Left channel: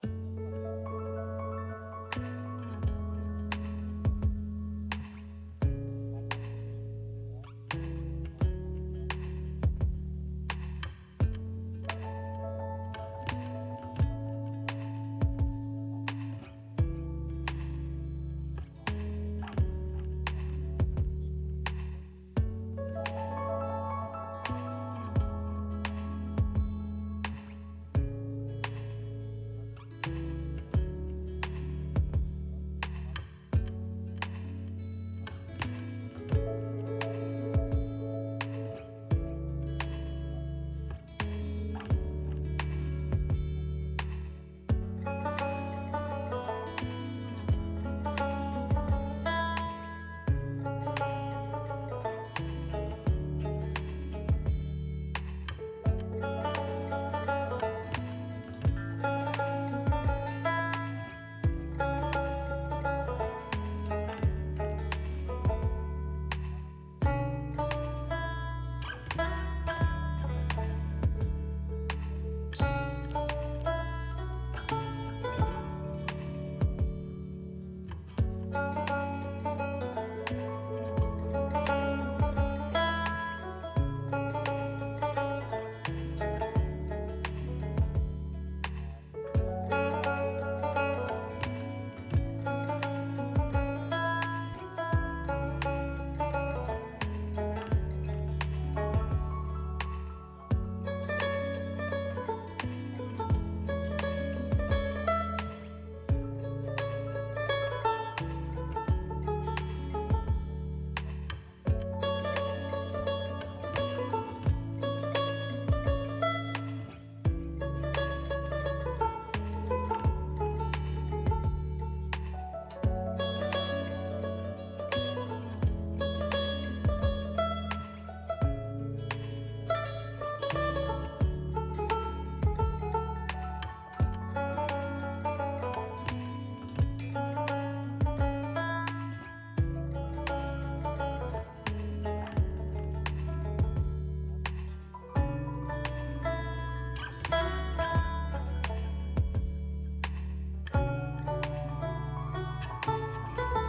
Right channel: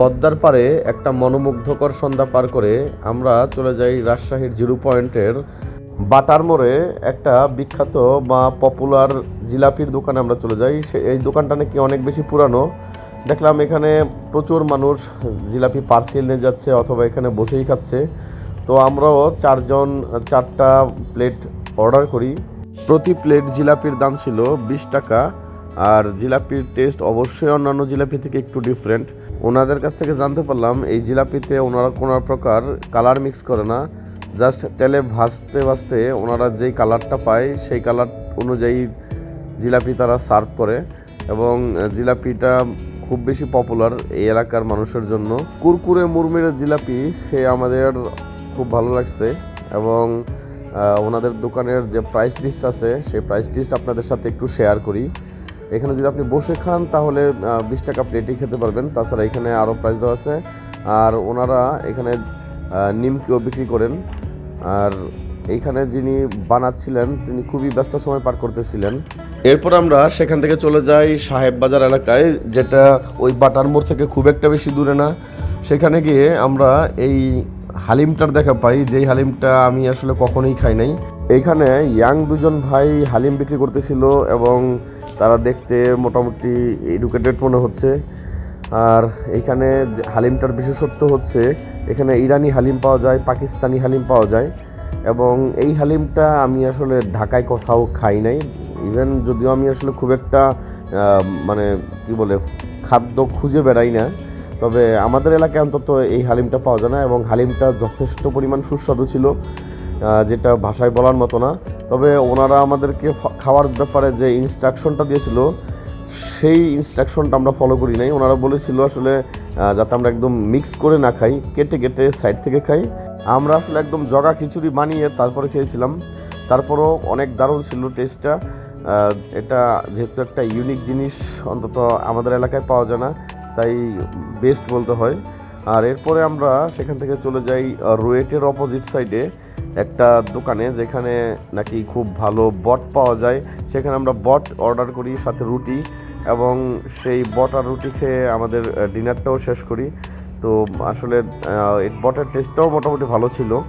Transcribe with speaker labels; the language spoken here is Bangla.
Speaker 1: পদ্মার পারে একটা মনোমুগ্ধকর সন্ধ্যা পার করে আমরা চলে যাই রাজশাহীর জিরো পয়েন্টের বাটার মোড়ে। একটা বিখ্যাত বা পপুলার জিলাপির দোকানে আমরা চলে যাই। সে এই দোকানটা নাকি অনেক বেশি পুরানো। দেখলাম এখানে প্রচুর মানুষ জিলাপি পার্সেল নিয়ে যাচ্ছে অথবা এখানে বসেই খাচ্ছে। তো আমরাও চারজন, চারটা প্লেট অর্ডার করি। প্রতি প্লেট জিলাপির দাম ছিল বিশ টাকা। আর জিলাপির টেস্ট অবশ্যই অন্যান্য জিলাপি থেকে একটু ডিফারেন্ট ওনাদের কাছ থেকে জানতে পারলাম, এই জিলাপিতে ওনারা কোনো প্রকার কালার মিক্স করে না। জাস্ট তেলে ভাজতে ভাজতে ওনারা যেই কালারটা পায়, সেই কালার অনুযায়ী জিলাপি তারা সার্ভ করে। এবং জিলাপিটা খুব বেশি পপুলার এই এলাকার মানুষের জন্য। কুরকুরে মুরমুরে জিলাপি সে আমাদের খুব ভালো লাগছে। এবং ওনাদের দোকানের যে প্রাইস লিস্ট আছে, সেই প্রাইস লিস্ট আপনাদের সাথে একটু শেয়ার করি। এখানে যদি আপনি বসে খান, তাহলে বিশ টাকা প্লেটই খেতে পারবেন। তাছাড়া এখানে আরও প্রাইস দেওয়া আছে। আর ওনারা এখানে নিমকিও বিক্রি করেন। আর এইখানে যিনি বানাচ্ছিলেন, তিনি খুবই ব্যস্ত সময় পার করতেছিলেন। এরপর আমরা সেখান থেকে চলে যাই সাহেব বাজার এলাকায়, যেটা ওই বাটার মোড় থেকে খুব একটা বেশি দূরে না। সেখানে গিয়ে আমরা এই হালিমটার দেখা পাই। যেই হালিমটা আমি আসলে কখনোই খাই নাই। এইখানে ইয়াং দুজন ভাই হালিম বিক্রি করতেছিল এবং তারা দেখতে মোটামুটি এডুকেটেড মনে হচ্ছে। আর এখানে হালিমটার বিশেষত্ব হচ্ছে, এখানে ইরানি হালিম পাওয়া যায়, পাকিস্তানি হালিম পাওয়া যায় এবং এই হালিমটা আমি আসলে ঢাকায় কোথাও খাই নাই। ইভেন যদিও আমি আসলে খুব একটা মানে কি বলে, খাদ্য খুঁজে বেড়াই না, তবে আমাদের এলাকায় অন্তত এই হালিমটা পাওয়া যায় না এবং হালিমটা যথেষ্ট পরিমাণ সুস্বাদু ছিল। যেটা ভাষায় বলার মতো না। তবে ওনারা আমাদেরকে খাওয়ার ব্যাপারে যে ইনস্ট্রাকশনটা দিয়েছিল, সেই ইনস্ট্রাকশনটা আমরা ফলো করি নাই। ওনারা বলেছিল আসলে যাতে আমরা একদম মিক্স করে না খাই, কেটে কেটে সাইড থেকে খাই। আমরা আসলে একদম জগা খিচুড়ি বানিয়ে তারপরে খেয়েছিলাম। তারপরও অনেক দারুণ ছিল টেস্টটা এটা যেহেতু একটা ইউনিক জিনিস, অন্তত আমাদের এলাকায় পাওয়া যায় না, তাই বেস্ট বলতে হয়। আর এরপরে আমরা সেখান থেকে চলে যাই রুয়েটের অপোজিট সাইডে একটা দোকানে যেখানে নাকি খুব ভালো বট পাওয়া যায়, সেখানে আমরা বট অর্ডার করি, সাথে রুটি এবং সেই বট আর রুটি খেয়ে আমাদের ডিনারটাও শেষ করি। তো আসলে বটের টেস্টটাও মোটামুটি ভালো ছিল।